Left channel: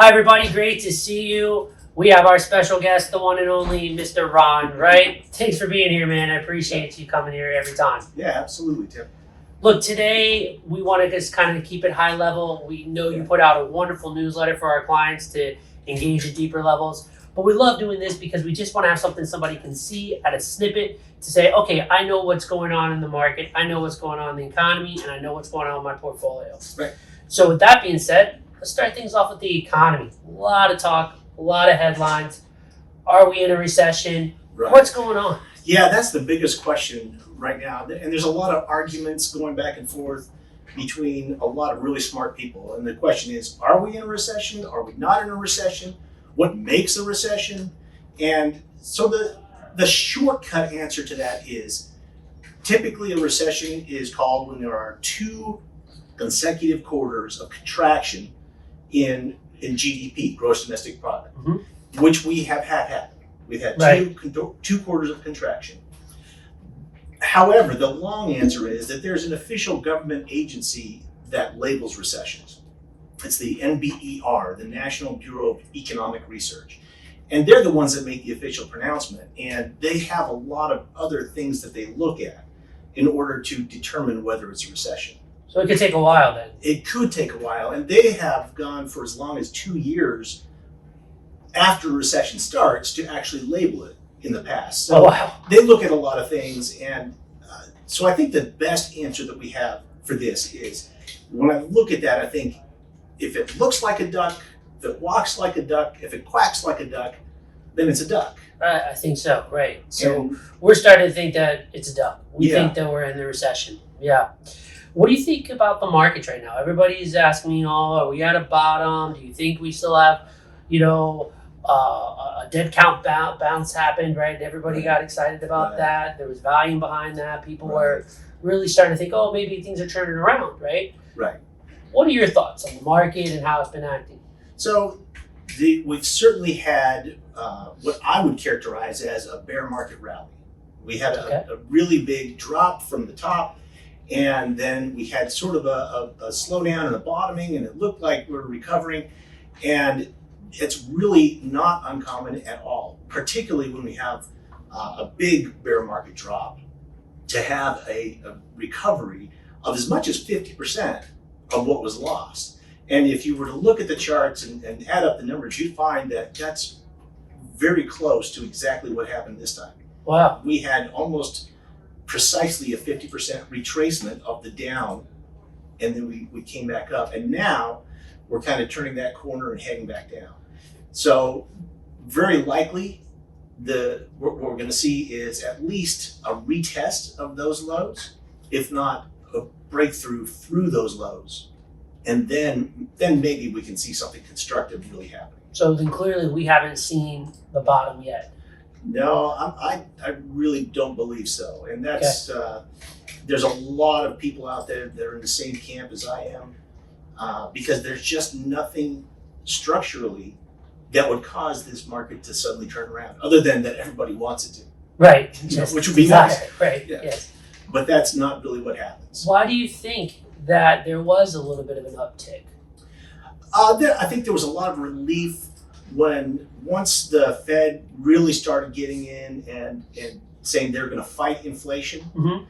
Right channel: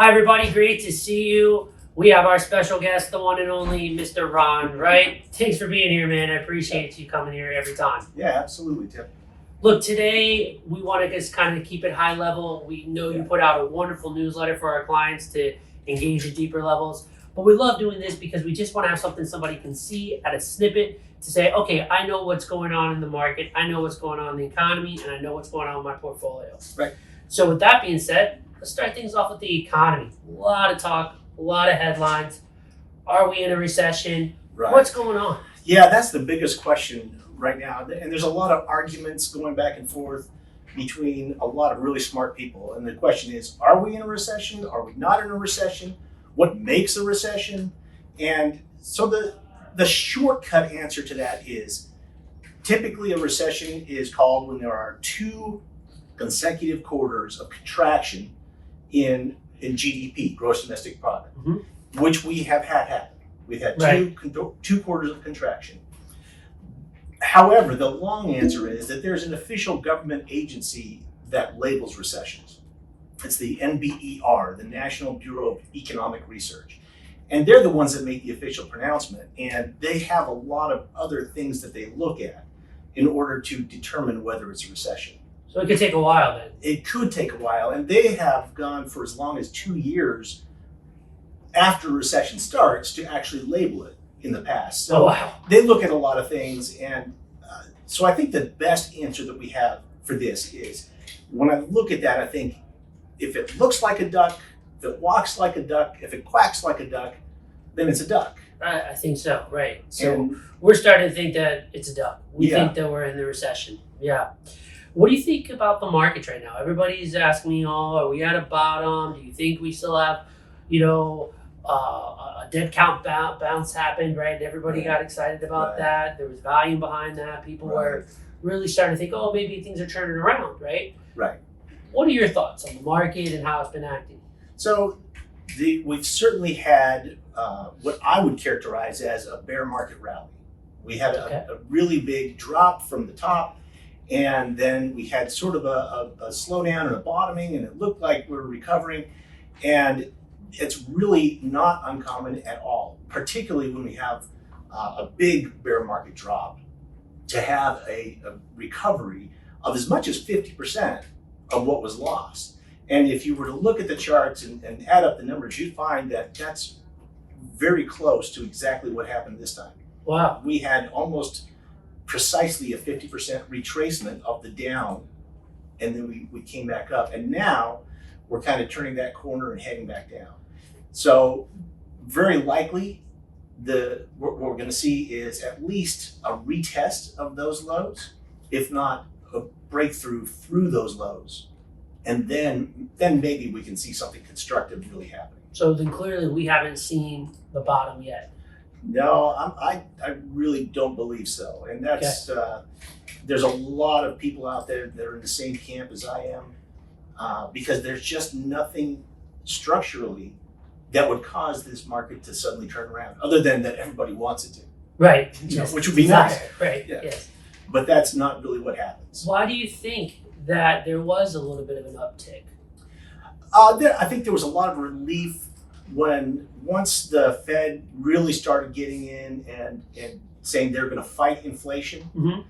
Hi, everybody. Great to see you. We have our special guest, the one and only Mr. Ron, right? Thanks for being here, man. I appreciate you coming here every time. Yeah, absolutely, Tim. Look, today we want to just kind of keep it high level. We know you put out a wonderful newsletter for our clients to engage at deeper levels. But we love doing this because we just want to have something somebody can see at a snippet to say, okay, I know what's going on in the market. I know what's going on in the economy, and I know what's going on in my portfolio. Right. So with that being said, let's start things off with the economy. A lot of talk, a lot of headlines. Are we in a recession? Right. What's going on? Yeah, that's the biggest question right now. And there's a lot of arguments going back and forth between a lot of really smart people. And the question is, are we in a recession? Are we not in a recession? What makes a recession? And so the shortcut answer to that is typically a recession is called when there are two consecutive quarters of contraction in GDP, gross domestic product, which we have had happen. We've had two quarters of contraction. However, the long answer is that there's an official government agency that labels recessions. It's the NBER, the National Bureau of Economic Research. And they're the ones that make the official pronouncement. And they have a lot of other things that they look at in order to determine whether it's a recession. So it could take a while then. It could take a while. And they have gone for as long as 2 years after a recession starts to actually label it in the past. So they look at a lot of things. And so I think the best answer that we have for this is when I look at that, I think if it looks like a duck, if it walks like a duck, if it quacks like a duck, then it's a duck. I think so, right. So we're starting to think that it's a duck. We think that we're in the recession. Yeah. What do you think about the markets right now? Everybody's asking me, are we at a bottom? Do you think we still have, a dead count bounce happened, right? Everybody got excited about that. There was volume behind that. People were really starting to think, maybe things are turning around, right? Right. What are your thoughts on the market and how it's been acting? So we've certainly had what I would characterize as a bear market rally. We had a really big drop from the top, and then we had sort of a slowdown and a bottoming, and it looked like we were recovering. And it's really not uncommon at all, particularly when we have a big bear market drop, to have a recovery of as much as 50% of what was lost. And if you were to look at the charts and add up the numbers, you'd find that that's very close to exactly what happened this time. Wow. We had almost precisely a 50% retracement of the down, and then we came back up. And now we're kind of turning that corner and heading back down. So very likely what we're going to see is at least a retest of those lows, if not a breakthrough through those lows. And then maybe we can see something constructive really happening. So then clearly we haven't seen the bottom yet. No, I really don't believe so. And that's there's a lot of people out there that are in the same camp as I am, because there's just nothing structurally that would cause this market to suddenly turn around, other than that everybody wants it to. Right. Which would be nice. Right. Yeah. Yes. But that's not really what happens. Why do you think that there was a little bit of an uptick? I think there was a lot of relief once the Fed really started getting in and saying they're going to fight inflation. Mm-hmm.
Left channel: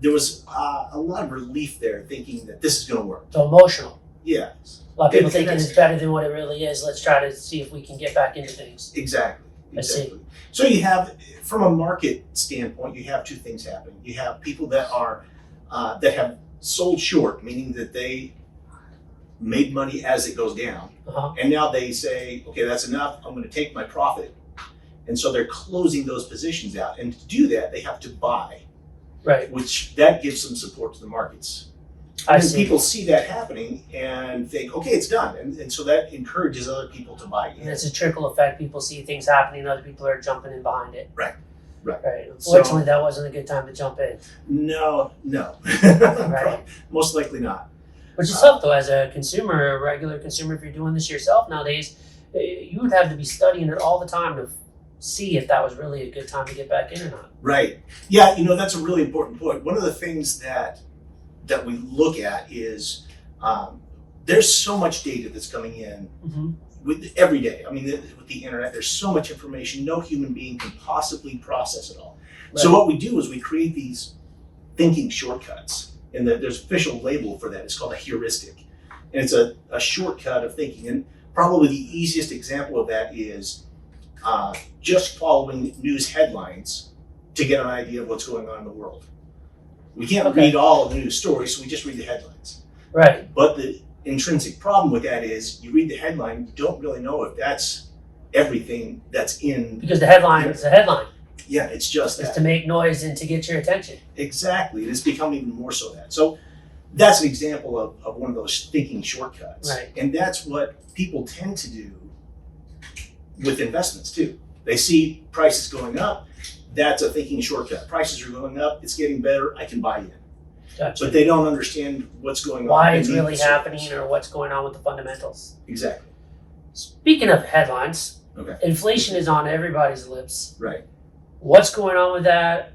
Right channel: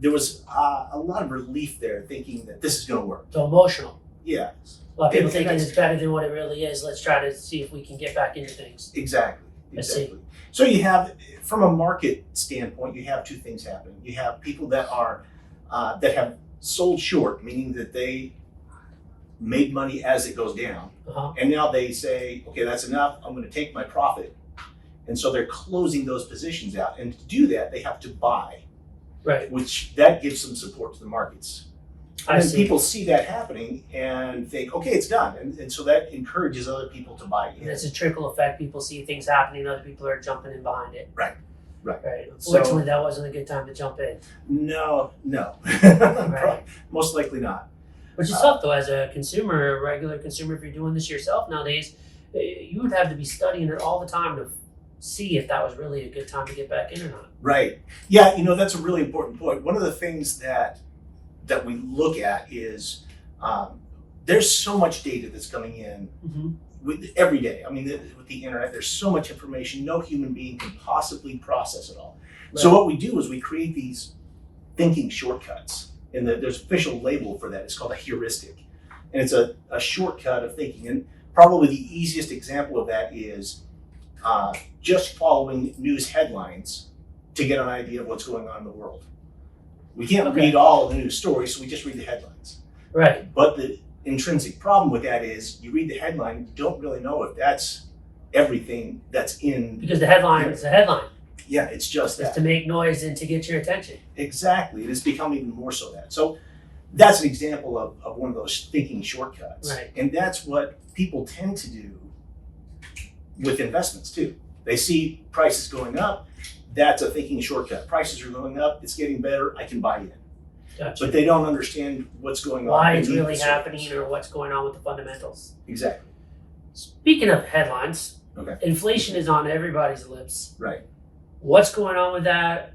There was a lot of relief there, thinking that this is going to work. So emotional. Yeah. A lot of people thinking it's better than what it really is. Let's try to see if we can get back into things. Exactly. So you have, from a market standpoint, you have two things happening. You have people that are that have sold short, meaning that they made money as it goes down, and now they say, okay, that's enough. I'm going to take my profit, and so they're closing those positions out. And to do that, they have to buy, which that gives some support to the markets. And people see that happening and think, okay, it's done. And so that encourages other people to buy in. And it's a trickle effect. People see things happening, other people are jumping in behind it. Right. Unfortunately, that wasn't a good time to jump in. No. Most likely not. Which is tough, though, as a consumer, a regular consumer, if you're doing this yourself nowadays, you would have to be studying it all the time to see if that was really a good time to get back in or not. Right. Yeah, that's a really important point. One of the things that we look at is there's so much data that's coming in with every day. I mean, with the internet, there's so much information, no human being can possibly process it all. Right. So what we do is we create these thinking shortcuts, and there's an official label for that. It's called a heuristic, and it's a shortcut of thinking. And probably the easiest example of that is just following news headlines to get an idea of what's going on in the world. We can't read all the news stories, so we just read the headlines. Right. But the intrinsic problem with that is you read the headline, you don't really know if that's everything that's in. Because the headline is the headline. Yeah, it's just It's that. to make noise and to get your attention. Exactly. It has become even more so that. So that's an example of one of those thinking shortcuts. Right. And that's what people tend to do with investments too. They see prices going up, that's a thinking shortcut. Prices are going up, it's getting better, I can buy in. Gotcha. But they don't understand what's going on. Why it's beneath really the surface. happening or what's going on with the fundamentals. Exactly. Speaking of headlines, Okay. inflation is on everybody's lips. Right. What's going on with that?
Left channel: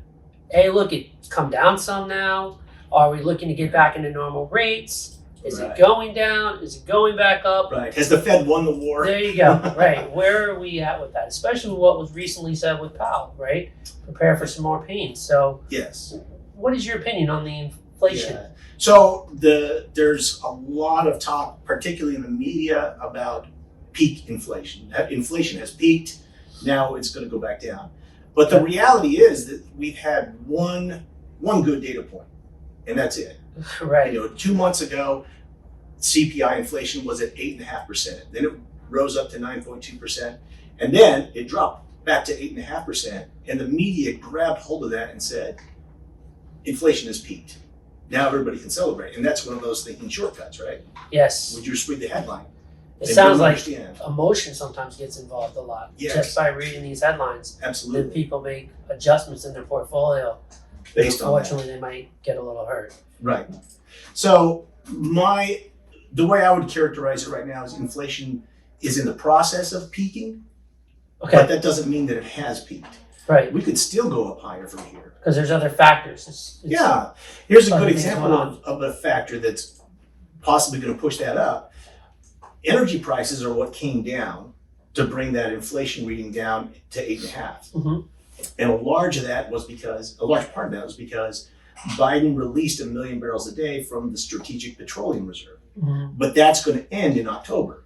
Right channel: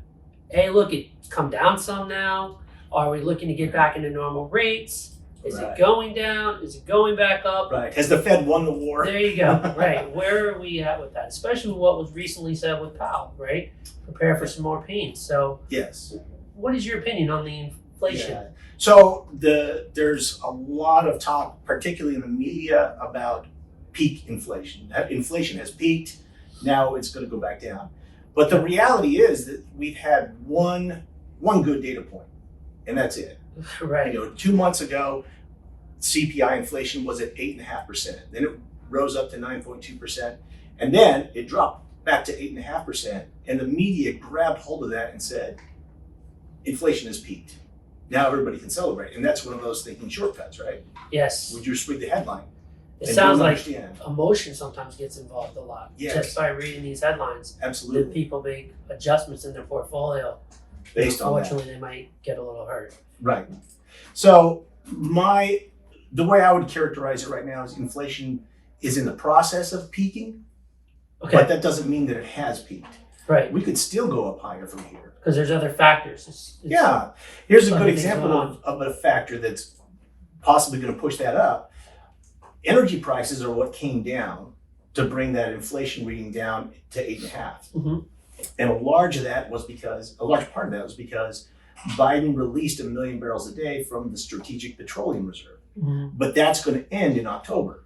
Hey, look, it's come down some now. Are we looking to get back into normal rates? Is Right. it going down? Is it going back up? Right. Has the Fed won the war? There you go. Right. Where are we at with that? Especially with what was recently said with Powell, right? Prepare for some more pain. So, Yes. what is your opinion on the inflation? Yeah. So there's a lot of talk, particularly in the media, about peak inflation. Inflation has peaked. Now it's going to go back down. But the reality is that we've had one good data point, and that's it. Right. 2 months ago, CPI inflation was at 8.5%. Then it rose up to 9.2%, and then it dropped back to 8.5%. And the media grabbed hold of that and said, inflation has peaked. Now everybody can celebrate, and that's one of those thinking shortcuts, right? Yes. When you just read the headline, It and sounds don't like understand. emotion sometimes gets involved a lot. Yes. Just by reading these headlines. Then Absolutely, people make adjustments in their portfolio. based on that. Unfortunately, they might get a little hurt. Right. So the way I would characterize it right now is inflation is in the process of peaking, Okay. but that doesn't mean that it has peaked. Right. We could still go up higher from here. Because there's other factors. It's Yeah. Here's a other good things example going of a factor that's possibly going to push that up. Energy prices are what came down to bring that inflation reading down to 8.5. Mhm. And a large part of that was because Biden released 1 million barrels a day from the Strategic Petroleum Reserve. Mhm. But that's going to end in October.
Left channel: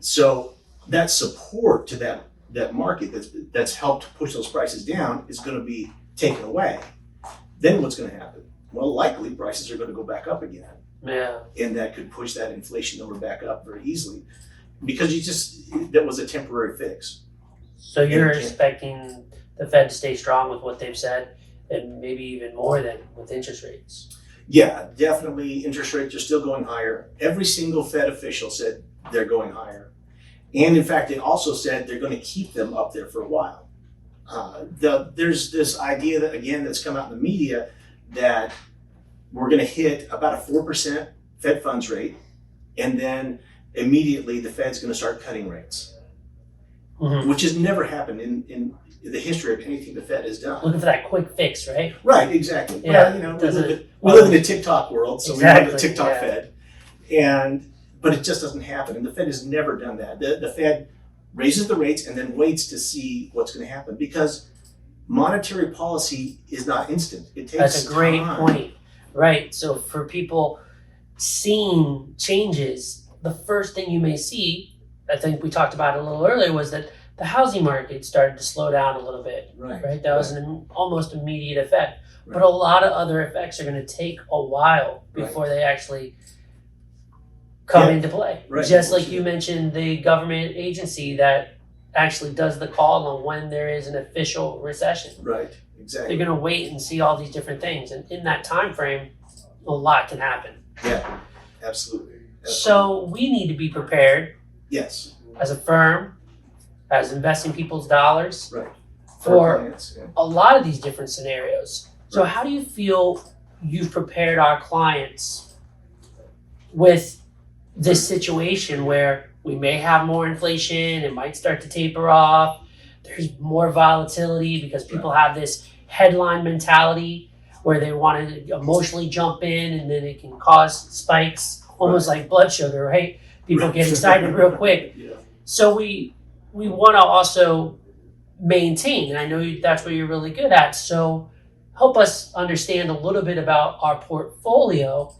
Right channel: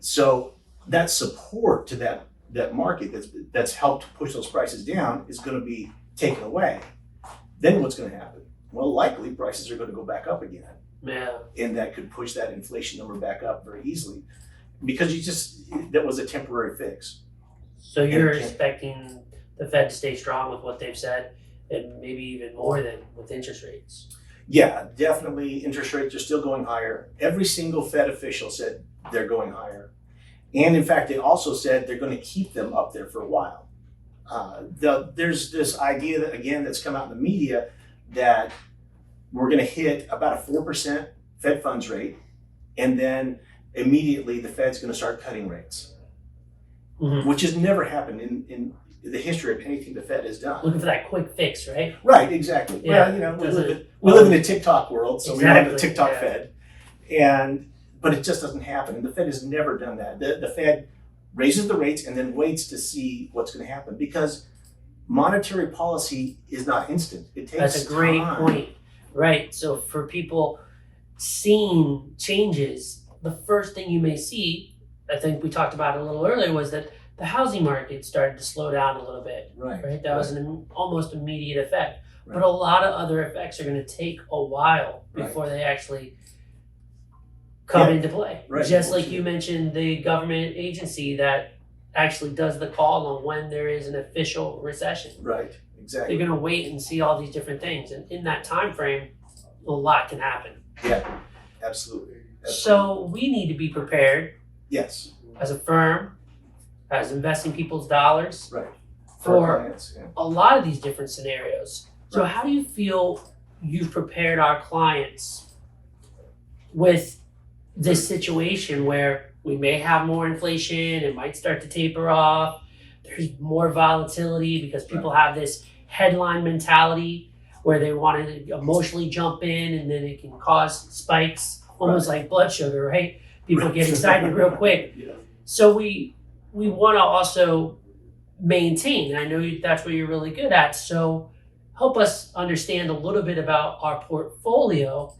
So that support to that market that's helped push those prices down is going to be taken away. Then what's going to happen? Well, likely prices are going to go back up again, Yeah. and that could push that inflation number back up very easily because that was a temporary fix. So you're And- expecting the Fed to stay strong with what they've said, and maybe even more than with interest rates. Yeah, definitely interest rates are still going higher. Every single Fed official said they're going higher. And in fact, they also said they're going to keep them up there for a while. There's this idea that, again, that's come out in the media that we're going to hit about a 4% Fed funds rate, and then immediately the Fed's going to start cutting rates, Mhm. which has never happened in the history of anything the Fed has done. Looking for that quick fix, right? Right, exactly. Yeah, Well, doesn't- we live in a TikTok world, so we live in the Exactly, TikTok yeah. Fed, but it just doesn't happen, and the Fed has never done that. The Fed raises the rates and then waits to see what's going to happen because monetary policy is not instant. It takes That's a great time. point. Right. So for people seeing changes, the first thing you may see, I think we talked about it a little earlier, was that the housing market started to slow down a little bit. Right. That was an almost immediate effect. But a lot of other effects are going to take a while before they actually come into play. Right. Just like you mentioned, the government agency that actually does the call on when there is an official recession. Right, exactly. They're going to wait and see all these different things, and in that time frame, a lot can happen. Yeah, absolutely. So we need to be prepared Yes, as a firm, as investing people's dollars right. for clients, yeah. a lot of these different scenarios. So Right. how do you feel you've prepared our clients with this situation where we may have more inflation, it might start to taper off, there's more volatility because people have this headline mentality where they want to emotionally jump in and then it can cause spikes, almost like blood sugar, right? People get excited real quick. Yeah. So we want to also maintain, and I know that's what you're really good at. So help us understand a little bit about our portfolio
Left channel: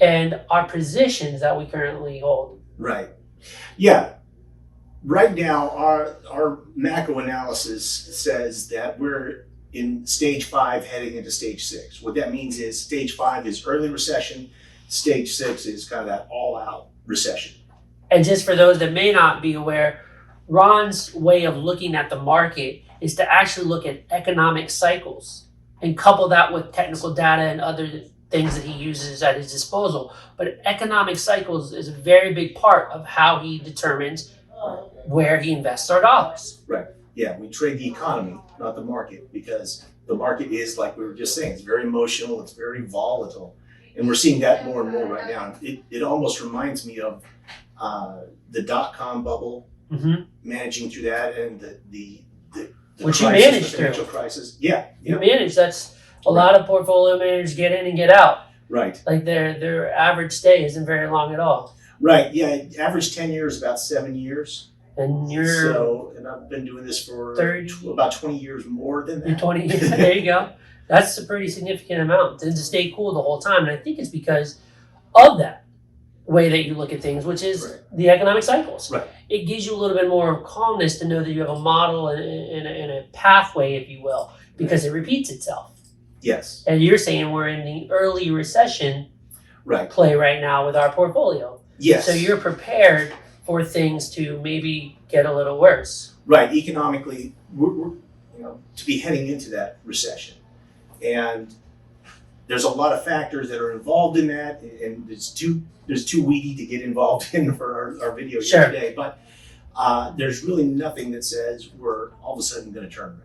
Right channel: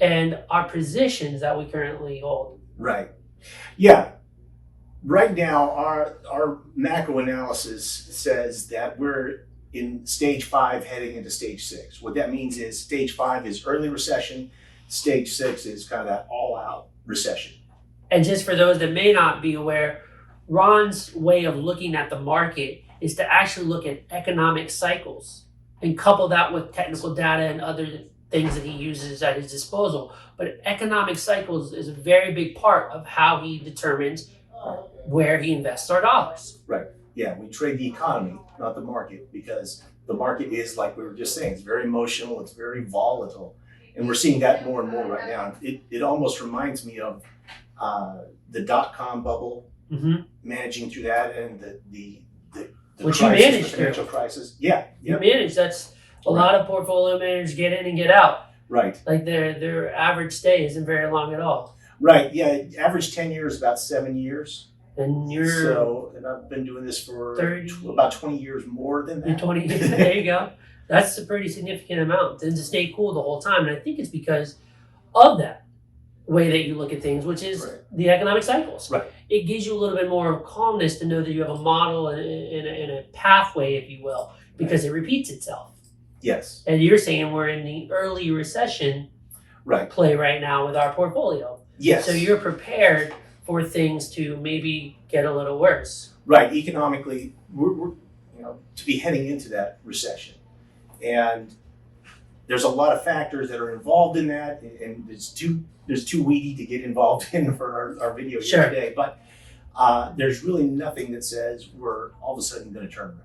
and our positions that we currently hold. Right. Yeah. Right now, our macro analysis says that we're in stage 5 heading into stage 6. What that means is stage 5 is early recession, stage 6 is kind of that all-out recession. And just for those that may not be aware, Ron's way of looking at the market is to actually look at economic cycles and couple that with technical data and other things that he uses at his disposal. But economic cycles is a very big part of how he determines where he invests our dollars. Right. Yeah, we trade the economy, not the market, because the market is, like we were just saying, it's very emotional, it's very volatile. And we're seeing that more and more right now. It almost reminds me of the dot-com bubble, managing through that, and the which crisis, you managed the financial through. crisis. Yeah. You manage. That's a lot of portfolio managers get in and get out. Right. Like their average stay isn't very long at all. Right. Yeah. Average tenure is about 7 years. And And I've been doing this for 30, about 20 years more than that. 20 years. There you go. That's a pretty significant amount. And to stay cool the whole time. And I think it's because of that way that you look at things, which is the economic cycles. Right. It gives you a little bit more calmness to know that you have a model and a pathway, if you will, because it repeats itself. Yes. And you're saying we're in the early recession play right now with our portfolio. Yes. So you're prepared for things to maybe get a little worse. Right. Economically, we're to be heading into that recession. And there's a lot of factors that are involved in that, and it's too weedy to get involved in for our video here today. But there's really nothing that says we're all of a sudden going to turn around.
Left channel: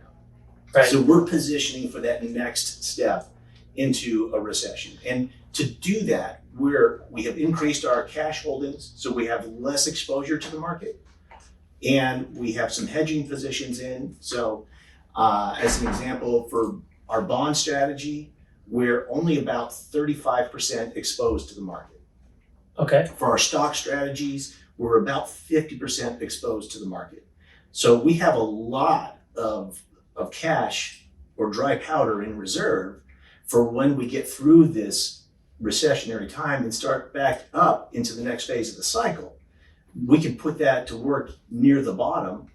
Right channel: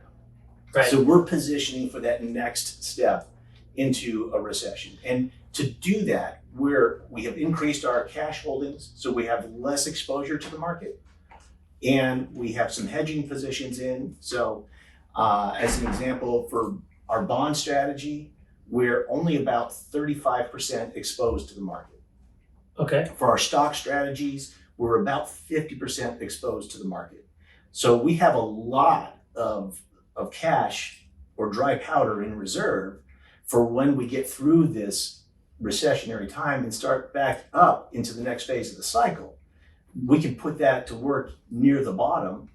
Right. So we're positioning for that next step into a recession. And to do that, we have increased our cash holdings, so we have less exposure to the market, and we have some hedging positions in. So as an example, for our bond strategy, we're only about 35% exposed to the market. Okay. For our stock strategies, we're about 50% exposed to the market. So we have a lot of cash or dry powder in reserve for when we get through this recessionary time and start back up into the next phase of the cycle. We can put that to work near the bottom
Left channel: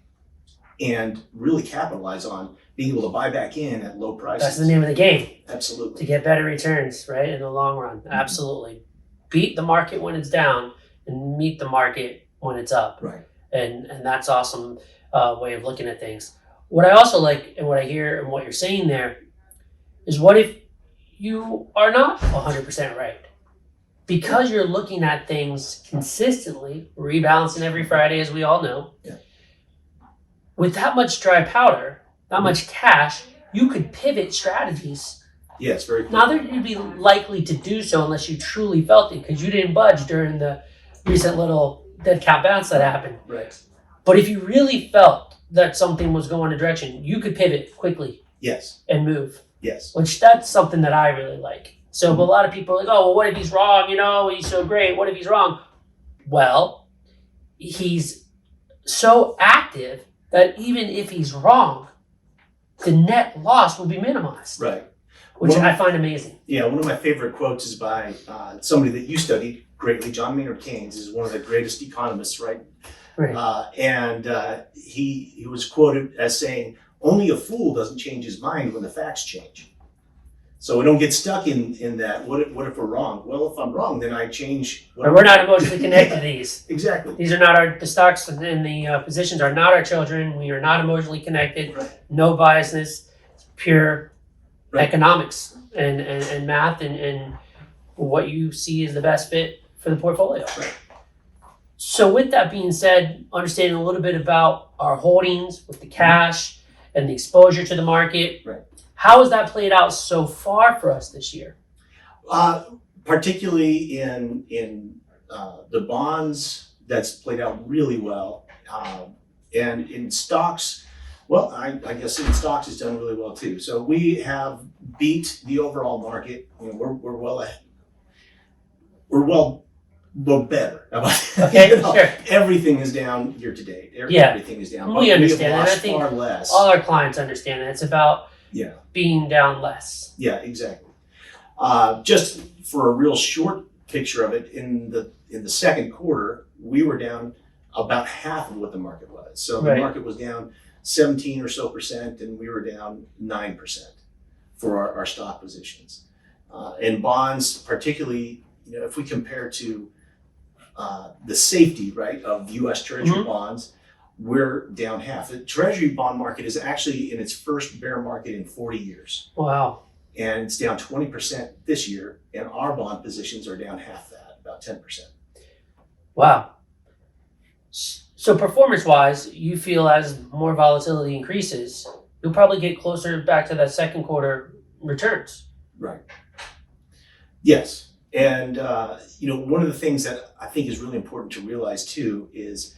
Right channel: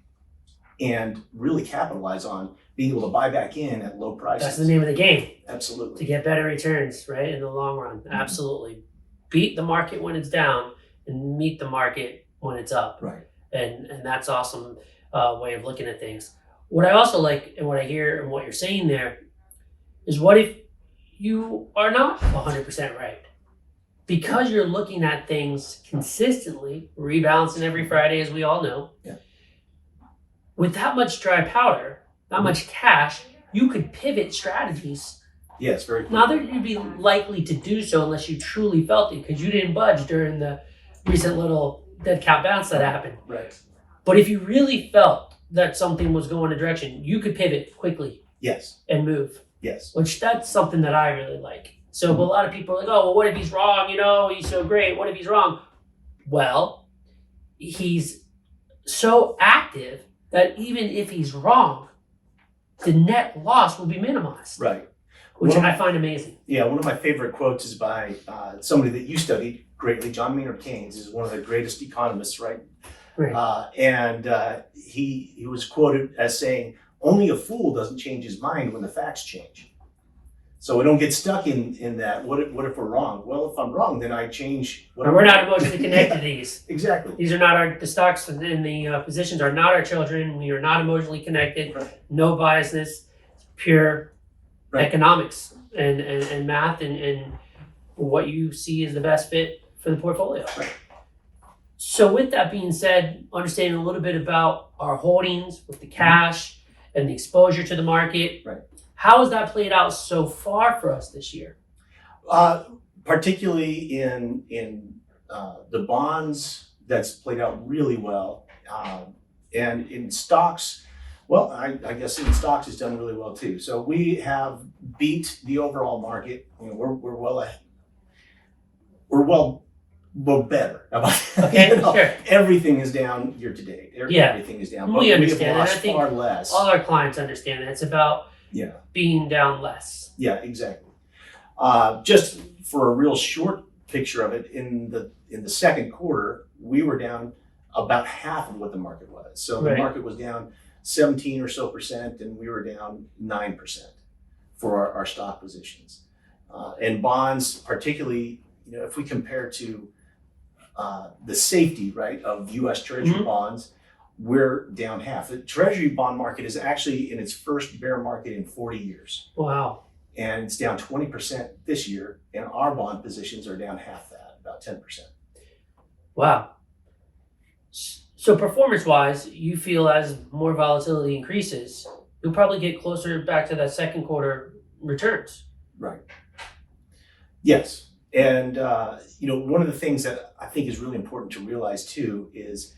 and really capitalize on being able to buy back in at low prices. That's the name of the game. Absolutely. To get better returns, right, in the long run. Absolutely. Beat the market when it's down and meet the market when it's up. Right. And that's awesome way of looking at things. What I also like and what I hear and what you're saying there is, what if you are not 100% right? Because you're looking at things consistently, rebalancing every Friday, as we all know. Yeah. With that much dry powder, that much cash, you could pivot strategies. Yeah, it's very cool. Now, you'd be likely to do so unless you truly felt it, because you didn't budge during the recent little dead cat bounce that happened. Right. But if you really felt that something was going a direction, you could pivot quickly. Yes. And move. Yes. Which that's something that I really like. So a lot of people are like, oh, well, what if he's wrong? He's so great. What if he's wrong? Well, he's so active that even if he's wrong, the net loss will be minimized. Right. Which I find amazing. Yeah, one of my favorite quotes is by somebody that you studied greatly, John Maynard Keynes, is one of the greatest economists, right? Right. He was quoted as saying, only a fool doesn't change his mind when the facts change. So we don't get stuck in that. What if we're wrong? Well, if I'm wrong, then I change. But we're not emotionally connected to these. Exactly. These are not the stocks and the positions are not our children. We are not emotionally connected. Right. No biasness. Pure economics and math and what you see is the best fit for the portfolio. Right. So with that being said, understanding a little bit about our holdings with the cash and the exposure to the market. Right. How has that played out so far for us this year? Particularly in the bonds, that's played out really well. And in stocks, well, I guess in stocks it's done really well too. So we have beat the overall market. We're well Well, better. Okay, sure. Everything is down year to date. Yeah. Everything is down. We But we have understand that. I lost think far less. all our clients understand that. It's about Yeah. being down less. Yeah, exactly. Just for a real short picture of it, in the second quarter, we were down about half of what the market was. So the Right. market was down 17 or so percent, and we were down 9% for our stock positions. And bonds, particularly, if we compare to the safety, right, of U.S. Treasury bonds, we're down half. The Treasury bond market is actually in its first bear market in 40 years. Wow. And it's down 20% this year, and our bond positions are down half that, about 10%. Wow. So performance-wise, you feel as more volatility increases, you'll probably get closer back to that second quarter returns. Right. Yes. And, one of the things that I think is really important to realize too is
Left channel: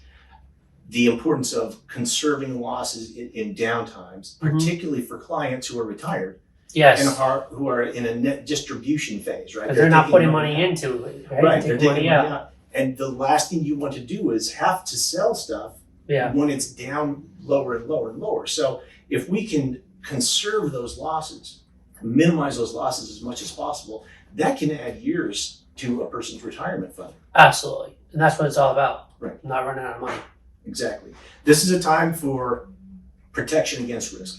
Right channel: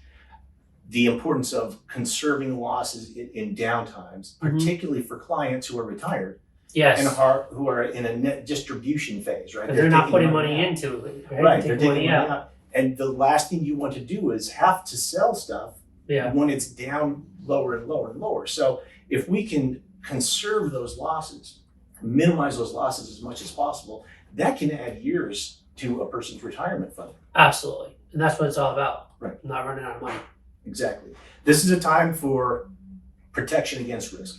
the importance of conserving losses in downtimes, particularly for clients who are retired. Yes. And who are in a net distribution phase, right? They're not taking putting money out. into it, right? Right, they're taking money out. And the last thing you want to do is have to sell stuff when it's down lower and lower and lower. So if we can conserve those losses, minimize those losses as much as possible, that can add years to a person's retirement fund. Absolutely. And that's what it's all about. Right. Not running out of money. Exactly. This is a time for protection against risk.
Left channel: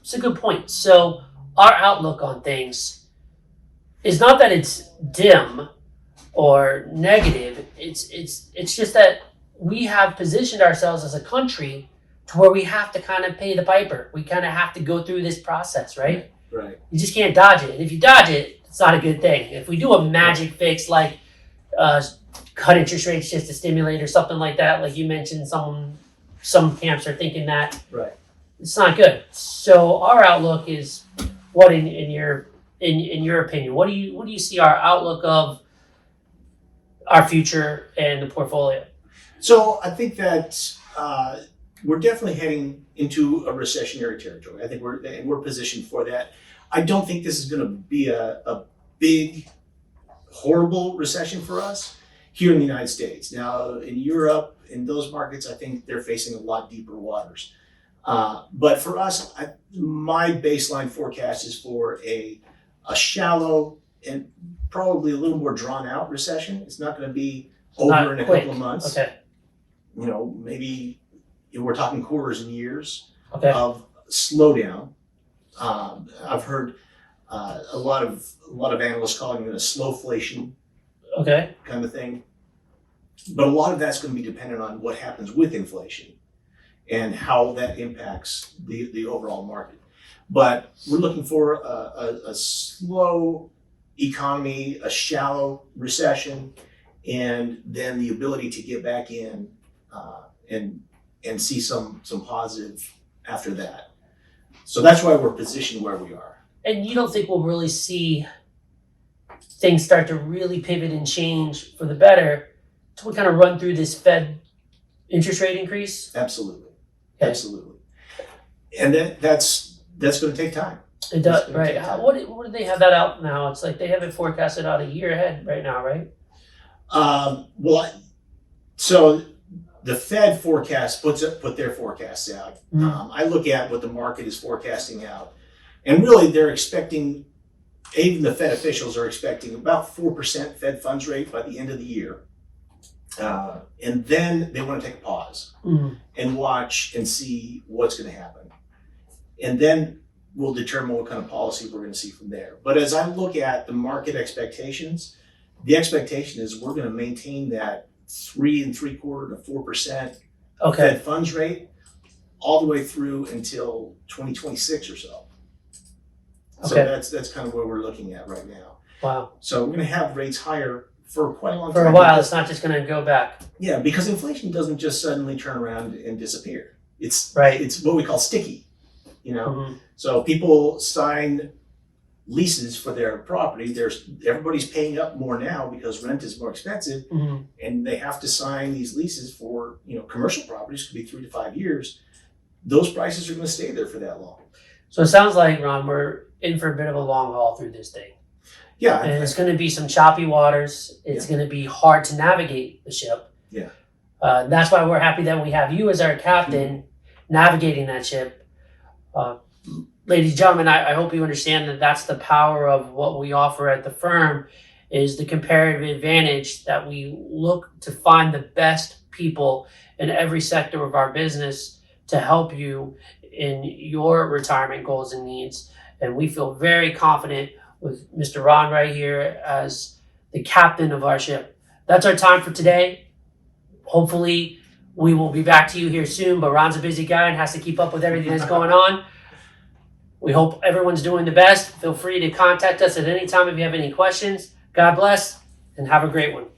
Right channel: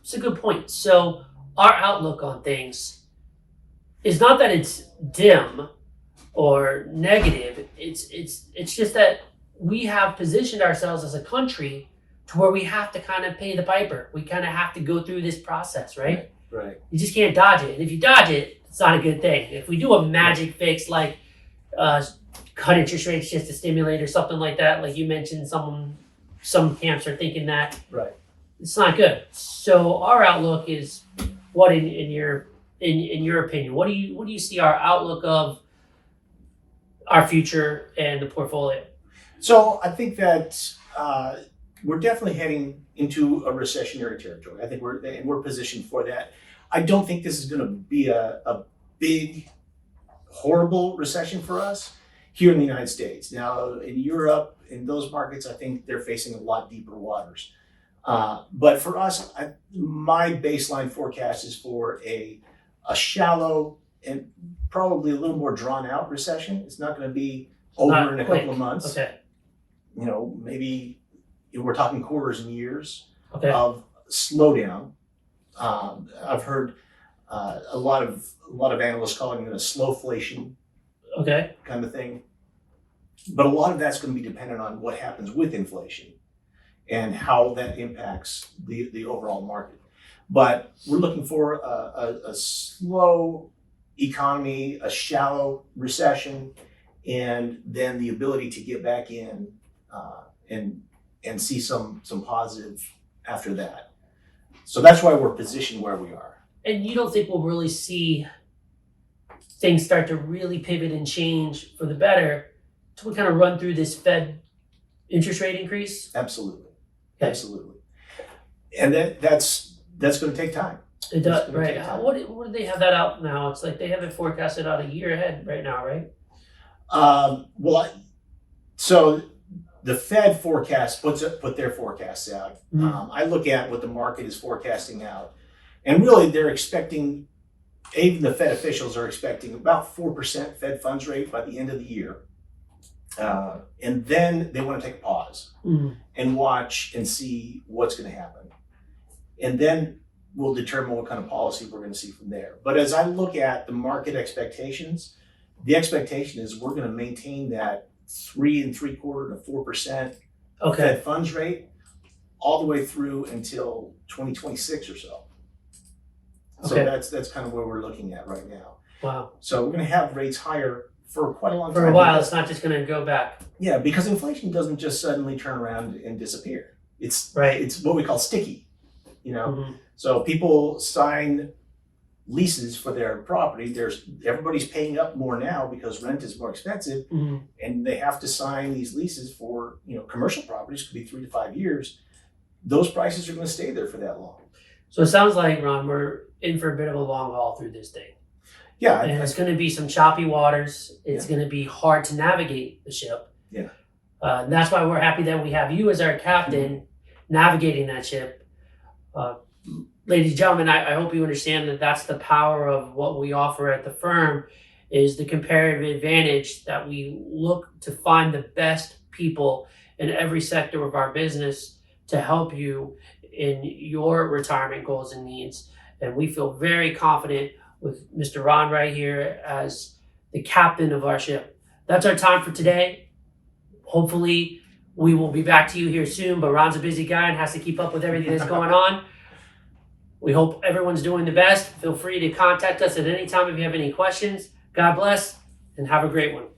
It's a good point. So our outlook on things is not that it's dim or negative. It's just that we have positioned ourselves as a country to where we have to kind of pay the piper. We kind of have to go through this process, right? Right. You just can't dodge it. And if you dodge it, it's not a good thing. If we do a magic fix like cut interest rates just to stimulate or something like that, like you mentioned, some camps are thinking that. Right. It's not good. So our outlook is what in your opinion? What do you see our outlook of our future and the portfolio? So I think that we're definitely heading into a recessionary territory. I think we're positioned for that. I don't think this is going to be a big, horrible recession for us here in the United States. Now in Europe, in those markets, I think they're facing a lot deeper waters. But for us, my baseline forecast is for a shallow and probably a little more drawn out recession. It's not going to be over in a couple of months. Okay. Maybe we're talking quarters and years of slowdown. I've heard a lot of analysts calling it a slowflation kind of thing. But a lot of that's going to be dependent on what happens with inflation and how that impacts the overall market. But we're looking for a slow economy, a shallow recession, and then the ability to get back in and see some positive after that. So that's why we're positioned where we are. And you don't think we'll really see things start to really pivot and change for the better until we kind of run through this Fed interest rate increase? Absolutely. Okay. Absolutely. And that's going to take time. It does, right? What do they have that out now? It's like they have it forecasted out a year ahead right now, right? So the Fed forecast put their forecasts out. I look at what the market is forecasting out, and really they're expecting, even the Fed officials are expecting about 4% Fed funds rate by the end of the year. And then they want to take a pause and watch and see what's going to happen. And then we'll determine what kind of policy we're going to see from there. But as I look at the market expectations, the expectation is we're going to maintain that 3.75% to 4% Fed funds rate all the way through until 2026 or so. So that's kind of where we're looking at right now. Wow. So we're going to have rates higher for quite a long time. For a while, it's not just going to go back. Yeah, because inflation doesn't just suddenly turn around and disappear. It's what we call sticky, So people sign leases for their property. Everybody's paying up more now because rent is more expensive, and they have to sign these leases for commercial properties, could be 3 to 5 years. Those prices are going to stay there for that long. So it sounds like, Ron, we're in for a bit of a long haul through this thing. Yeah, And it's going to be some choppy waters. It's going to be hard to navigate the ship. Yeah. That's why we're happy that we have you as our captain navigating that ship. Ladies and gentlemen, I hope you understand that that's the power of what we offer at the firm, is the comparative advantage that we look to find the best people in every sector of our business to help you in your retirement goals and needs. And we feel very confident with Mr. Ron right here as the captain of our ship. That's our time for today. Hopefully we will be back to you here soon, but Ron's a busy guy and has to keep up with everything that's going on. We hope everyone's doing the best. Feel free to contact us at any time if you have any questions. God bless and have a great one.